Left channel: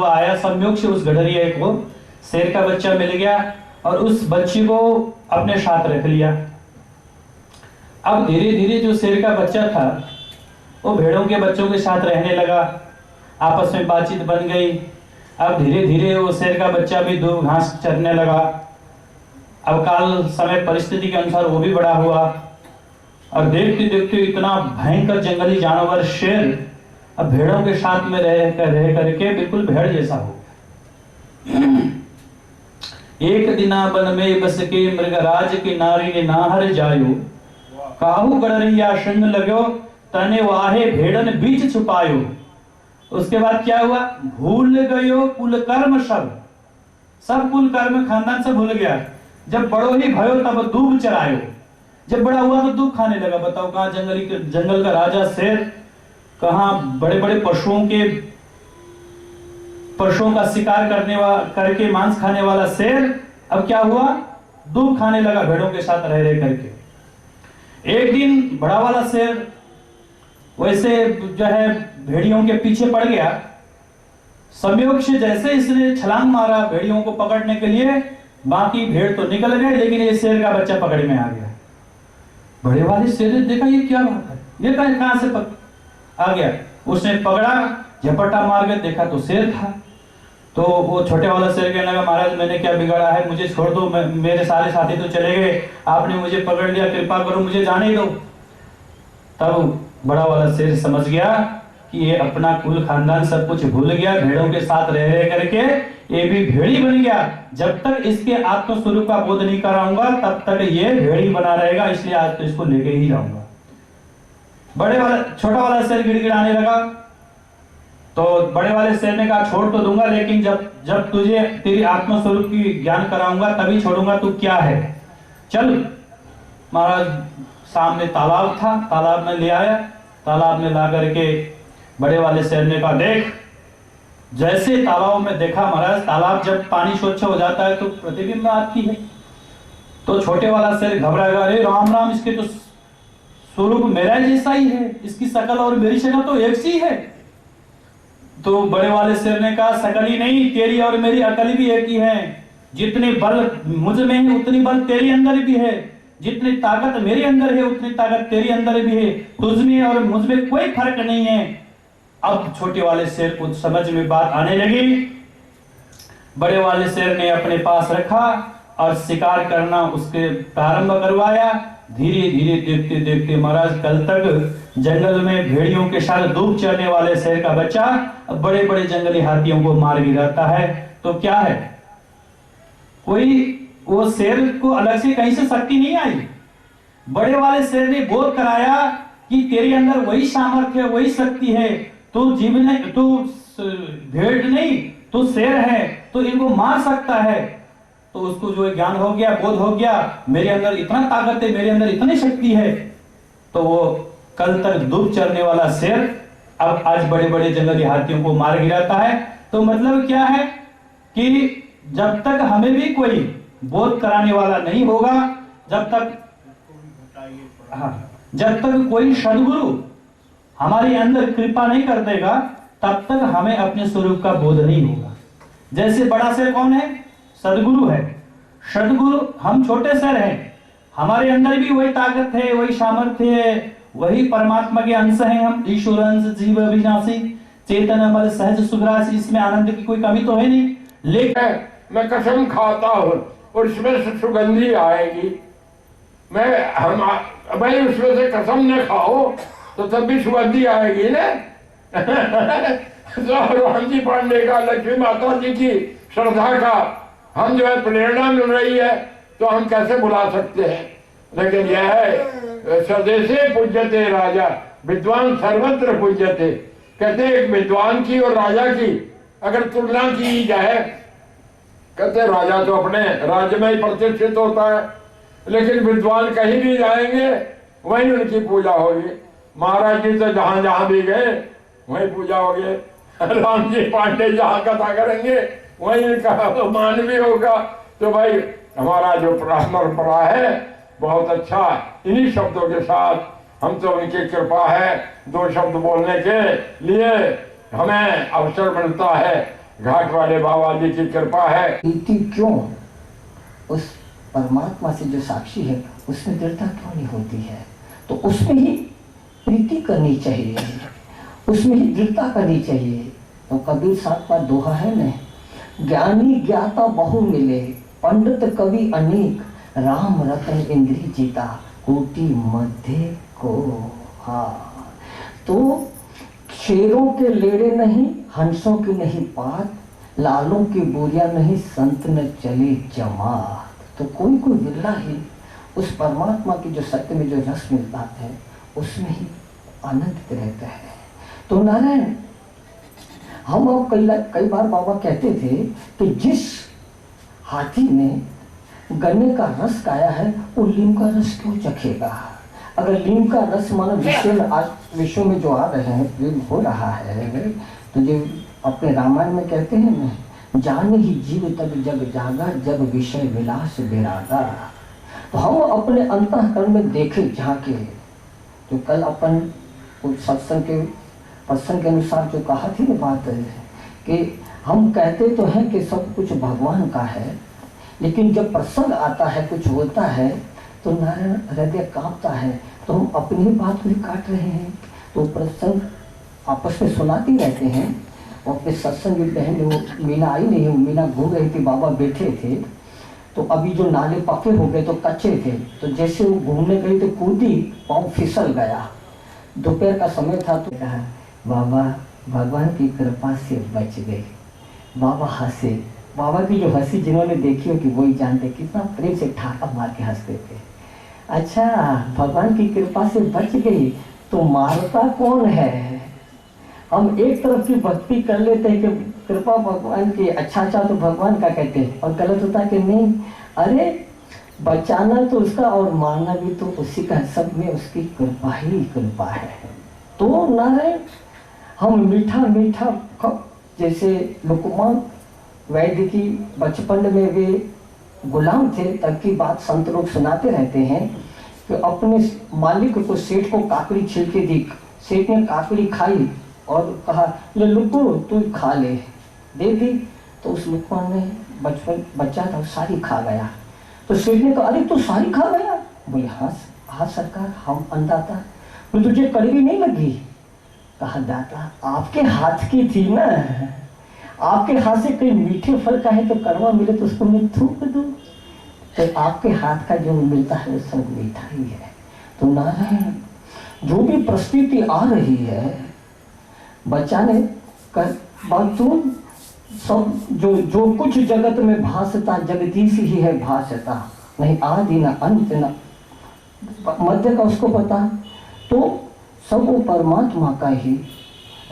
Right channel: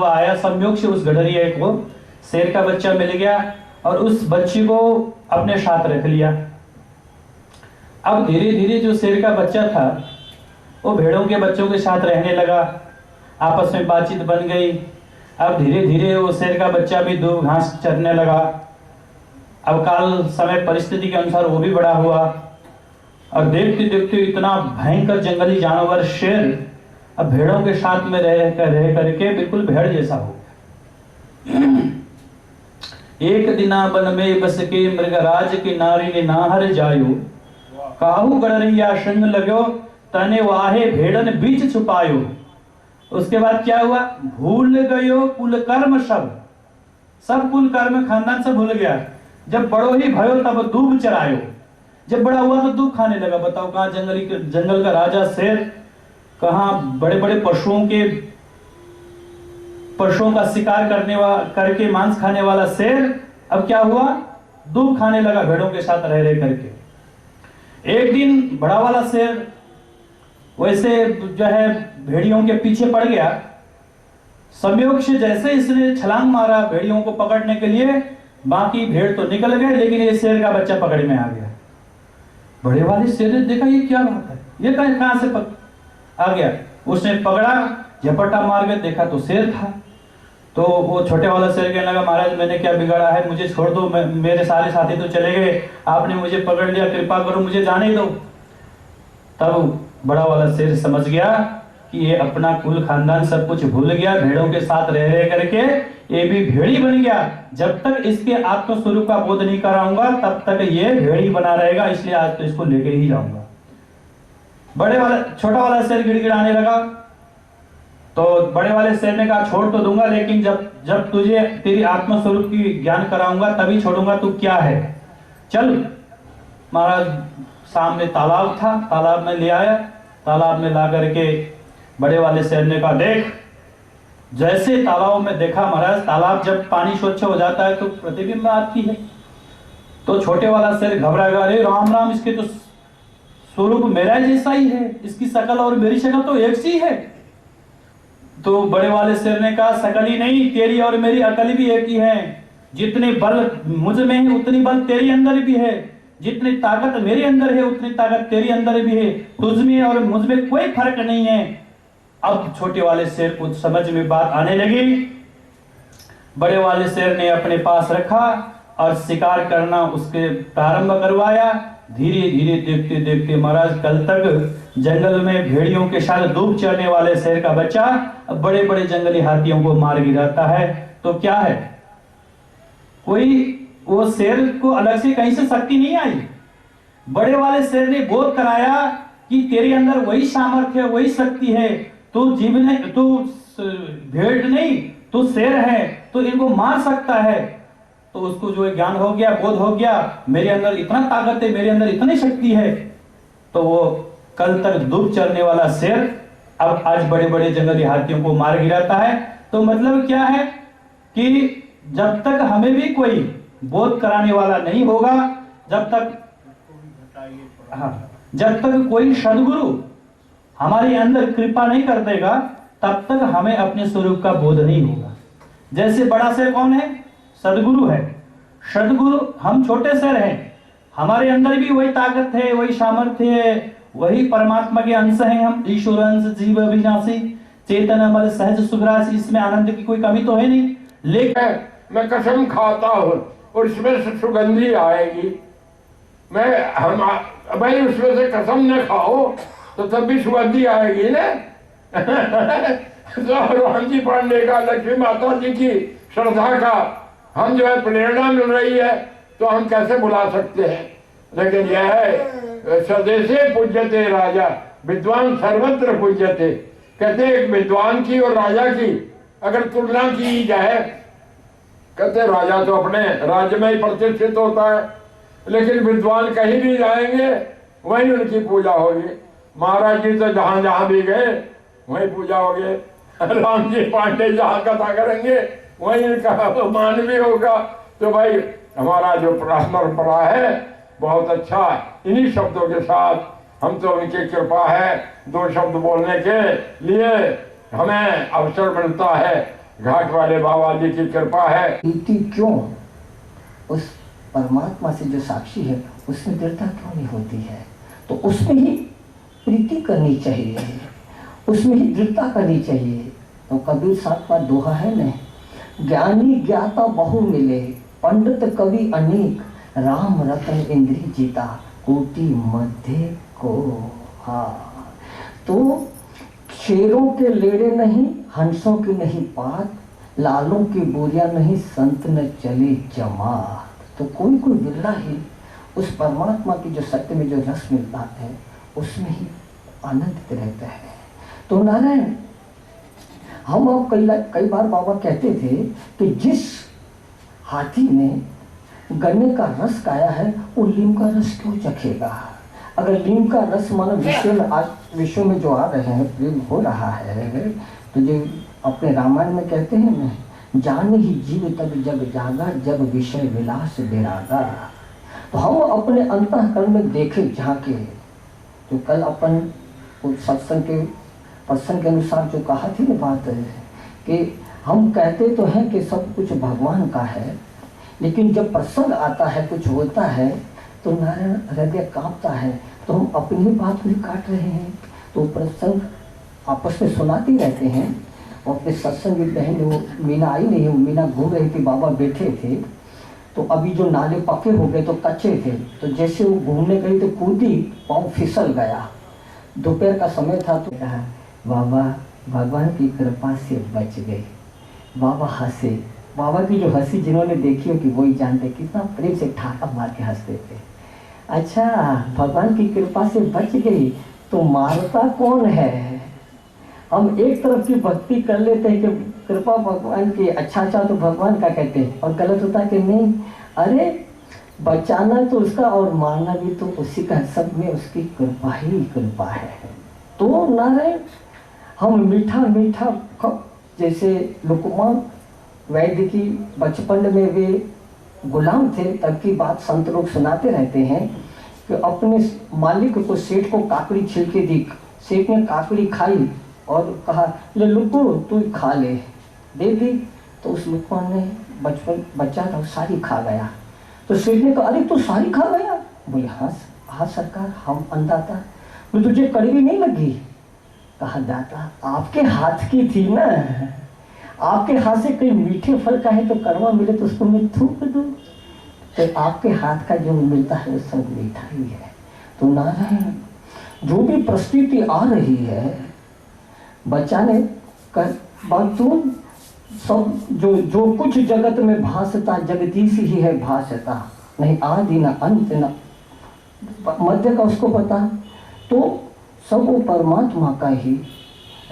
आया संयोग से उस गडरिया को शेर का बच्चा मिल गया और उस बच्ची को अपने साथ रख लिया। अब धीरे धीरे जो शेर का बच्चा था वो भेड़ों के बच्चों के साथ रहने लगा, आपस में बातचीत बन गई। अब धीरे धीरे वो शेर का बच्चा भी दूब घास चरने लगा। अब काल समय परिस्थिति के अनुसार वो भी बड़ा हुआ और देखते देखते इतना भयंकर जंगली जानवर शेर अब भेड़ों के साथ में रह करके बिल्कुल भेड़ जैसा हो। एक दिना बन में बस के मृगराज की नारी ने नाहर जायो, काहू गडरिया संग लगो तने वाहे भेड़न बीच छुपायो। उसके बाद क्या हुआ, भूल गयो कुल कर्म सब कुल कर्म खानदान सब भूल गया। जब बड़ो ही भयो तब दूब चरायो। जब बड़ा हुआ तो दूब खाने लगा। बताओ कहाँ जंगल का राजा शेर, कहाँ बड़े बड़े पशुओं का शिकार करके मांस खाने वाला शेर अब क्या हुआ, दूब खाने लगा भेड़ों के साथ रह करके। एक दिन बड़ा वाला शेर वैसे जो है भेड़ियों के पीछे पड़ गया। संयोग से जैसे इसने छलांग मारा भेड़ियों को पकड़ने के लिए, बाकी भेड़ तो निकल गए लेकिन ये शेर का बच्चा पकड़ में आ गया। बड़े वाले शेर ने देखा ये क्या बात है, ये कहां से आ गया। उसने पकड़ा, झपट्टा मार के देखा तो शेर था। तो वो छोटे वाला शेर कहने लगा, महाराज मैंने क्या बिगाड़ा है, मुझे छोड़ दो, मेरे सारे साथी तो चले गए, आपने मुझे पकड़ लिया, कृपा करो मुझे जाने दो। तब बड़ा वाला शेर समझ गया कि ये अपना कुल खानदान सब कुछ भूल गया, भेड़ों के साथ रह करके ये भी भेड़ी बन गया। जब तक इसके आत्मस्वरूप का बोध नहीं कराऊंगा तब तक ये भेड़ी बना रहेगा, इसलिए आज तो इसको लेके ही जाऊंगा। छोटा वाला शेर गिड़गिड़ाने लगा। तो बड़े वाले शेर ने कहा छोड़ तो दूंगा, लेकिन जब तुझे तेरी आत्मस्वरूप की ज्ञान कराऊंगा तभी छोड़ूंगा, तू क्या है, चल। महाराज सामने तालाब था, तालाब में ले आया। तालाब में ला करके बड़े वाले शेर ने कहा देख। जैसे तालाब में देखा महाराज, तालाब जब पानी स्वच्छ हो जाता है तो प्रतिबिंब आती है। तो छोटे वाला शेर घबरा गया, अरे राम राम, इसके तो स्वरूप मेरा जैसा ही है, इसकी शकल और मेरी शकल तो एक सी है। तो बड़े वाले शेर ने कहा शकल ही नहीं, तेरी और मेरी अकल भी एक ही है। जितने बल मुझ में है उतनी बल तेरे अंदर भी है, जितनी ताकत मेरे अंदर है उतनी ताकत तेरे अंदर भी है, तुझ में और मुझ में कोई फर्क नहीं है। अब छोटे वाले शेर को समझ में बात आने लगी। बड़े वाले शेर ने अपने पास रखा और शिकार करना उसके प्रारंभ करवाया। धीरे धीरे देखते देखते महाराज कल तक जंगल में भेड़ियों के साथ दूब चरने वाले शेर का बच्चा अब बड़े बड़े जंगली हाथियों को मार गिराता है। तो क्या है, कोई वो शेर को अलग से कहीं से शक्ति नहीं आई। बड़े वाले शेर ने बोध कराया कि तेरे अंदर वही सामर्थ्य है, वही शक्ति है, तू जीव नहीं, तू भेड़ नहीं, तू शेर है, तो इनको मार सकता है। तो उसको जो ज्ञान हो गया, बोध हो गया, मेरे अंदर इतना ताकत है, मेरे अंदर इतनी शक्ति है। तो वो कल तक दूब चरने वाला शेर अब आज बड़े बड़े जंगली हाथियों को मार गिराता है। तो मतलब क्या है कि जब तक हमें भी कोई बोध कराने वाला नहीं होगा, जब तक कोई सदगुरु हमारे अंदर कृपा नहीं कर देगा तब तक हमें अपने स्वरूप का बोध नहीं होगा। जैसे बड़ा शेर कौन है, सदगुरु है। सदगुरु, हम छोटे शेर हैं, हमारे अंदर भी वही ताकत है, वही सामर्थ्य है, वही परमात्मा के अंश हैं हम। ईश्वर अंश जीव अविनाशी चेतन अमर सहज सुखराशि, इसमें आनंद की कोई कमी तो है नहीं। लेकिन मैं कसम खाता हूँ और इसमें से सुगंधी आएगी। भाई उसमें से कसम न खाओ तो तब भी सुगंधी आएगी ना। हनुमान जी पांडे का, लक्ष्मी माता जी की श्रद्धा का हम जो है प्रेरणा मिल रही है तो हम कैसे बुला सकते हैं। लेकिन यह है स्वदेशे पूज्यते राजा विद्वान सर्वत्र पूज्यते। कहते एक विद्वान की और राजा की अगर तुलना की जाए, कहते राजा तो अपने राज्य में ही प्रतिष्ठित होता है, लेकिन विद्वान कहीं भी जाएंगे वहीं उनकी पूजा होगी। महाराज जी तो जहां जहां भी गए वहीं पूजा होगी। राम जी पांडे जहां कथा करेंगे वहीं इनका मान भी होगा। तो भाई हमारा जो परंपरा है बहुत अच्छा। इन्हीं शब्दों के साथ हम तो उनकी कृपा है, दो शब्द बोलने के लिए हमें अवसर मिलता है। घाट वाले बाबा जी की कृपा है। प्रीति क्यों उस परमात्मा से जो साक्षी है उसमें दृढ़ता क्यों नहीं होती है? तो उसमें ही प्रीति करनी चाहिए, उसमें ही दृढ़ता करनी चाहिए। तो कबीर साहब का दोहा है न, ज्ञानी ज्ञाता बहु मिले, पंडित कवि अनेक, राम रतन इंद्री जीता, कोटि मध्य को। हाँ, तो शेरों के लेड़े नहीं, हंसों की नहीं बात, लालों की बोरिया नहीं, संत न चले जमात। तो कोई कोई बिरला ही उस परमात्मा की जो सत्य में जो रस मिलता है उसमें ही आनंदित रहता है। तो नारायण, हम अब कई बार बाबा कहते थे कि जिस हाथी ने गन्ने का रस खाया है वो लीम का रस क्यों चखेगा? अगर लीम का रस मानो विश्व में जो आ रहे हैं, प्रेम हो रहा है, तो जो अपने रामायण में कहते हैं ना, जान ही जीव तब जग जागा, जब विषय विलास विरागा। तो हम अपने अंतःकरण में देखें झांके, जो कल अपन सत्संग के प्रसंग के अनुसार जो कहा थी ना बात है कि हम कहते तो हैं कि सब कुछ भगवान का है, लेकिन जब प्रसंग आता है, कुछ होता है, तो नारायण हृदय कांपता है। तो हम अपनी ही बात भी काट रहे हैं। तो प्रसंग आपस में सुनाते रहते हैं। और अपने सत्संग की बहन वो मीना आई नहीं, मीना घूम रही थी, बाबा बैठे थे। तो अभी जो नाले पक्के हो गए तो कच्चे थे, तो जैसे वो घूमने गई तो कूदी, पाँव फिसल गया। दोपहर का समय था तो कहा, बाबा भगवान की कृपा से बच गए। बाबा हंसे। बाबा की जो हंसी जिन्होंने देखी हो कि वही जानते, कितना प्रेम से ठाका मार के हंसते थे। अच्छा, भगवान की कृपा से बच गई, तो मारता कौन है? हम एक तरफ की भक्ति कर लेते हैं कि कृपा भगवान की, अच्छा तो भगवान का कहते हैं, और गलत होता कि नहीं, अरे बचाना तो उसका और मारना भी तो उसी का, सब में उसकी कृपा ही कृपा है। तो नारायण, हम मीठा मीठा, जैसे लुकमान वैद्य की बचपन में वे गुलाम थे, तब की बात संत लोग सुनाते रहते हैं कि अपने मालिक को, सेठ को काकड़ी छिलके दी। सेठ ने काकड़ी खाई और कहा, ले लुकू तू खा ले, दे दी। तो उस लुकमान ने, बचपन बच्चा था, सारी खा गया। तो सेठ ने कहा, अरे तू सारी खा गया? बोले हाँ हाँ सरकार, हम अंदाता। बोले तुझे कड़वी नहीं लगी? कहा दाता आपके हाथ की थी ना, आपके हाथ से कोई मीठे फल का है तो कड़वा मिले तो उसको मैं थूक दूं। तो आपके हाथ का जो मिलता है वो सब मीठा ही है। तो नारायण, जो भी परिस्थिति आ रही है बचाने कर बातों, सब जो कुछ जगत में भासता, जगदीश ही है भासता, नहीं आदि न अंत न मध्य का उसको पता। तो सब वो परमात्मा का ही,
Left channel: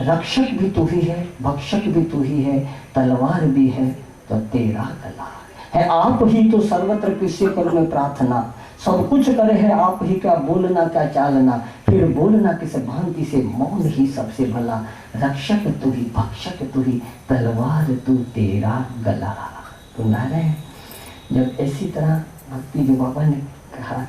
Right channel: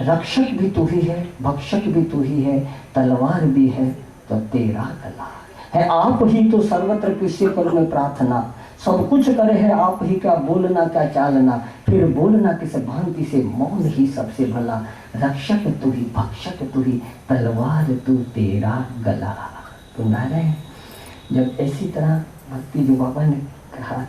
रक्षक भी तू ही है, भक्षक भी तू ही है, तलवार भी है तो तेरा गला है। आप ही तो सर्वत्र किसी पर में प्रार्थना, सब कुछ करे है आप ही का, बोलना क्या चालना, फिर बोलना किस भांति से, मौन ही सबसे भला, रक्षक तू ही, भक्षक तू ही, तलवार तू तेरा गला। तो नारायण, जब ऐसी तरह भक्ति जो बाबा ने कहा,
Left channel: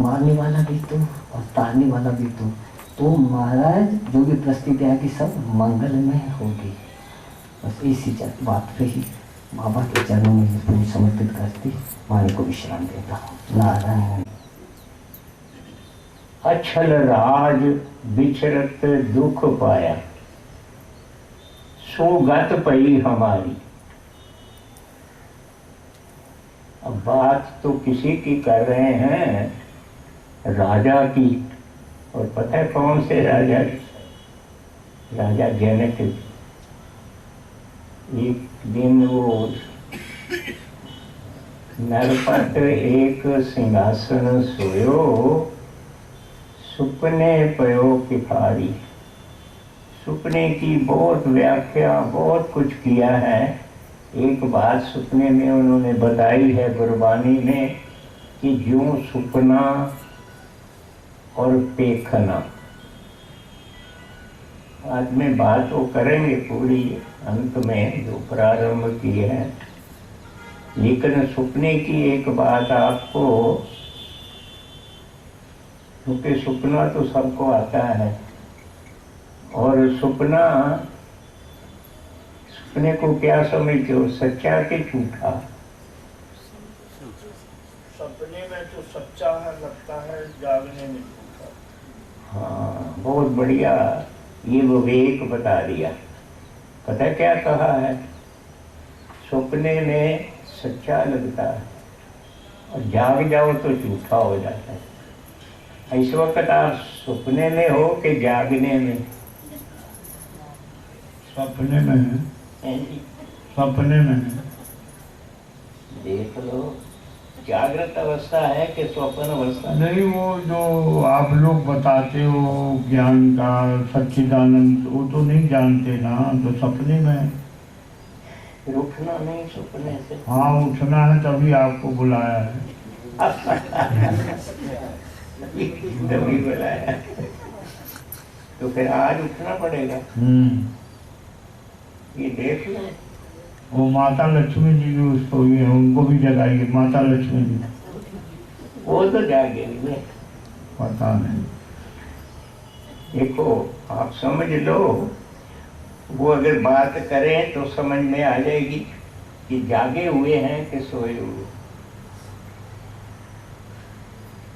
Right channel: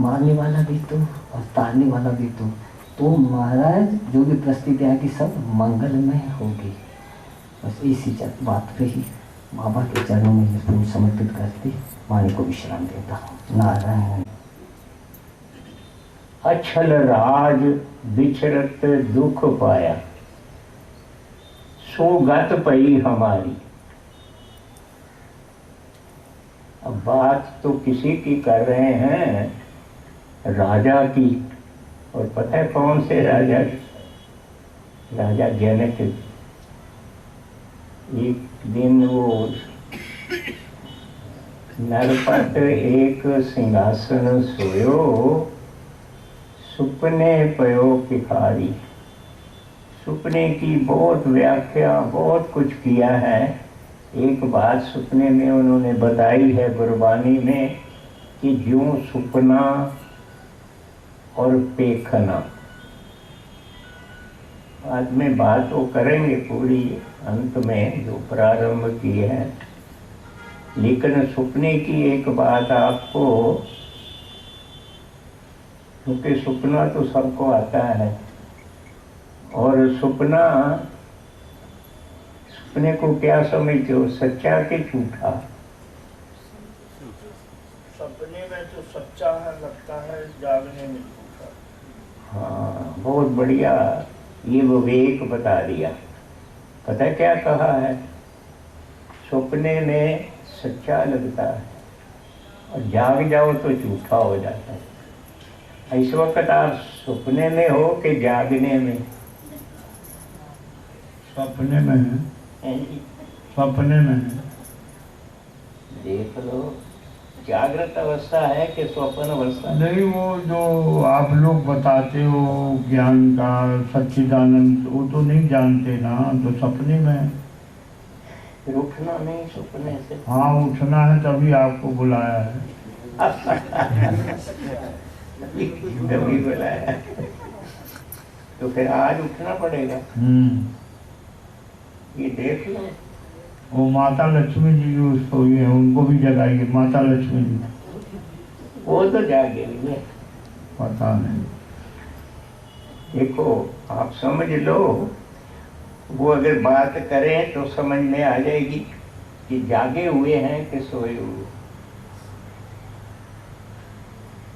मारने वाला भी तू और तारने वाला भी तू, तो महाराज जो भी परिस्थिति आएगी सब मंगलमय होगी। बस इसी बात पे ही बाबा के चरणों में पूरी समर्पित करती वाणी को विश्राम देता हूँ। नारायण। अछल राज बिछरत दुख पाया, सो गत पई हमारी। अब बात तो किसी की कर रहे हैं, राजा की। और पता है कौन से राजा? राजा जनक। एक दिन वो नरपत एक सिंहासन सोयो, सुपने पयो भिखारी। सुपने की बहुत व्याख्या, बहुत कुछ किया है। एक बात सुपने में उन्होंने बताई है गुरबानी में कि ज्यों सुपना और पेखना। बाद में बात वो करेंगे पूरी अंत में जो प्रारंभ की है, लेकिन सुपने की एक बात आपको, क्योंकि सुपना तो सबको आता है, और सुपना सपने को क्या समझते हो, सच्चा कि झूठा? सपने में तो सच्चा है लगता है, जागने में झूठा। हाँ, बहुत बढ़िया ये विवेक बता दिया। पता क्या कहा है? सपने में सच्चा लगता है और जाग जाओ तो झूठा हो जाता है। इस वक्त आप सपने में हो कि जागने में? सपने में है, हैं जी? सपने में है। देख लो, जागृत अवस्था है कि स्वप्न अवस्था? नहीं, वो जो आप लोग बताते हो ज्ञान का सच्चिदानंद, वो तो नहीं जानते ना, तो सपने में है। फिर उठना नहीं सपने से? हाँ, उठना है तभी आपको बुलाया है। तभी बुलाया। तो फिर आज उठना पड़ेगा। ये देख लो, वो माता लक्ष्मी जी भी उसको ये उनको भी जगाइए, माता लक्ष्मी जी। वो तो जागेंगे। पता नहीं। देखो, आप समझ लो, वो अगर बात करें तो समझ में आ जाएगी कि जागे हुए हैं कि सोए हुए।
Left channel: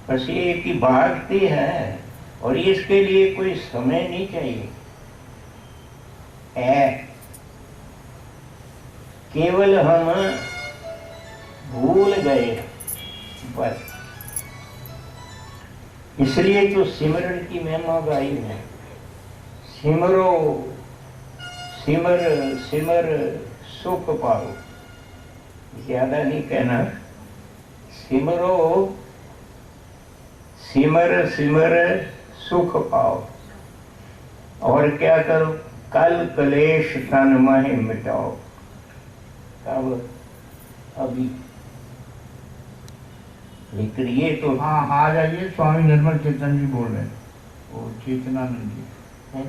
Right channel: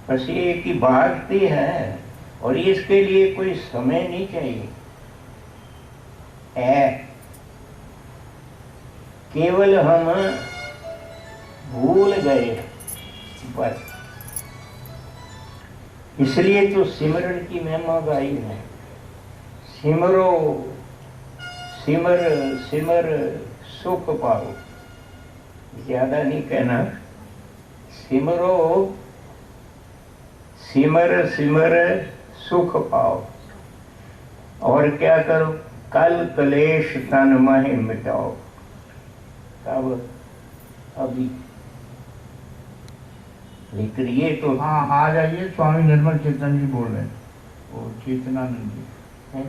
बस ये कि भागती है और इसके लिए कोई समय नहीं चाहिए है, केवल हम भूल गए बस। इसलिए तो सिमरन की महिमा गाई है। सिमरो सिमर सिमर सुख पाओ, ज्यादा नहीं कहना। सिमरो सिमर सिमर सुख पाओ। और क्या करो? कल कलेश तन मह मिटाओ। कब? अभी। लेकिन ये तो हाँ, आ जाइए, स्वामी निर्मल चेतन जी बोल रहे हैं, वो चेतनानंद जी। है।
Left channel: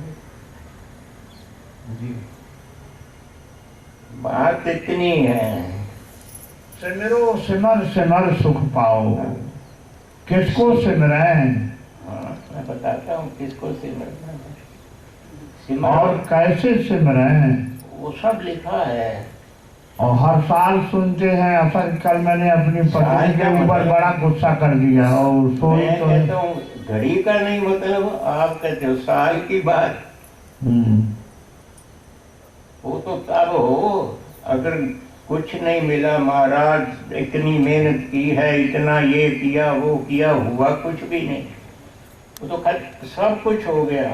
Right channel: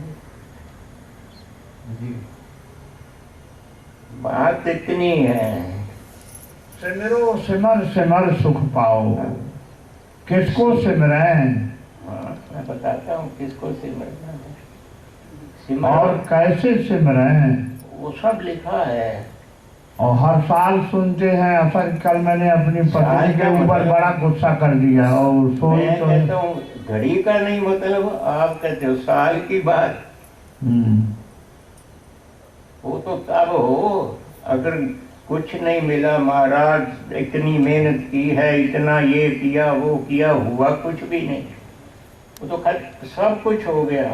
जी, बात इतनी है। सिमरो सिमर सिमर सुख पाओ। किसको सिमरें हाँ, मैं बताता हूँ किसको सिमरना है। और सिमर कैसे सिमरें? वो सब लिखा है। और हर साल सुनते हैं। असल कल मैंने अपनी पत्नी के ऊपर बड़ा गुस्सा कर दिया और सोई मैं तो कहता हूँ घड़ी का नहीं मतलब, आप कहते हो साल की बात। वो तो तब हो अगर कुछ नहीं मिला, महाराज इतनी मेहनत की है, इतना ये किया वो किया, हुआ कुछ भी नहीं। वो तो सब कुछ हो गया,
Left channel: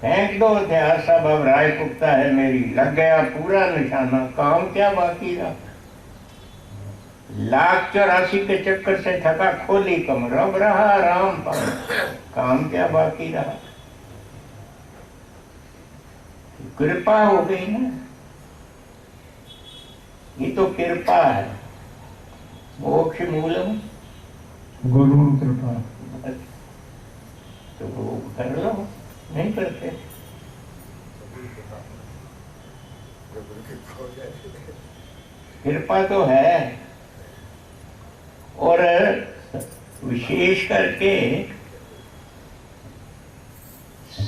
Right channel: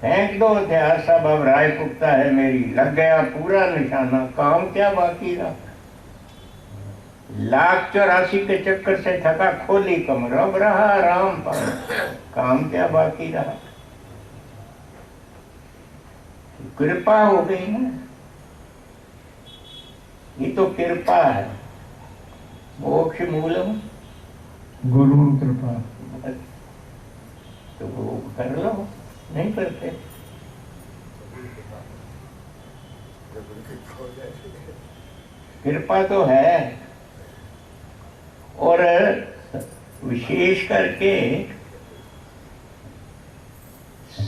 फेंक दो हथियार सब, अब राय पुख्ता है मेरी, लग गया पूरा निशाना, काम क्या बाकी रहा? 1,84 के चक्कर से थका खोली कमर, अब रहा आराम पाओ, काम क्या बाकी रहा? कृपा हो गई ना, ये तो कृपा है। मोक्ष मूलम गुरु कृपा। तो वो कर लो, नहीं करते। कृपा तो है, और विशेष करके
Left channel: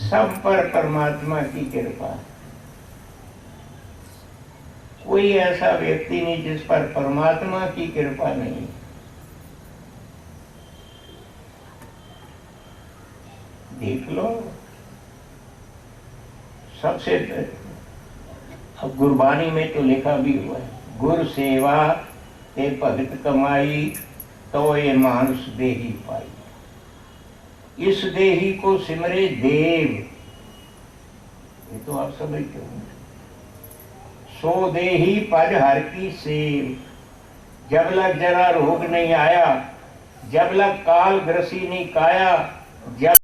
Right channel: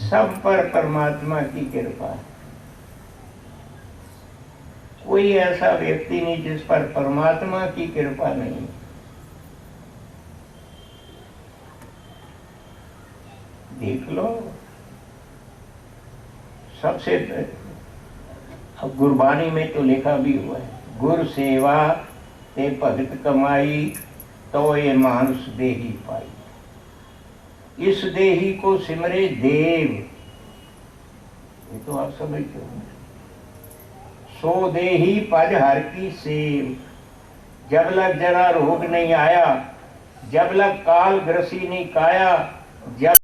सब पर परमात्मा की कृपा है। कोई ऐसा व्यक्ति नहीं जिस पर परमात्मा की कृपा नहीं। देख लो, सबसे अब गुरबानी में तो लिखा भी हुआ है, गुर सेवा ते भगत कमाई, तो ये मानुष देही पाई। इस देही को सिमरे देव, ये तो आप समझते हो। सो देही पज हर की सेव। जब लग जरा रोग नहीं आया, जब लग काल ग्रसी नहीं काया, जब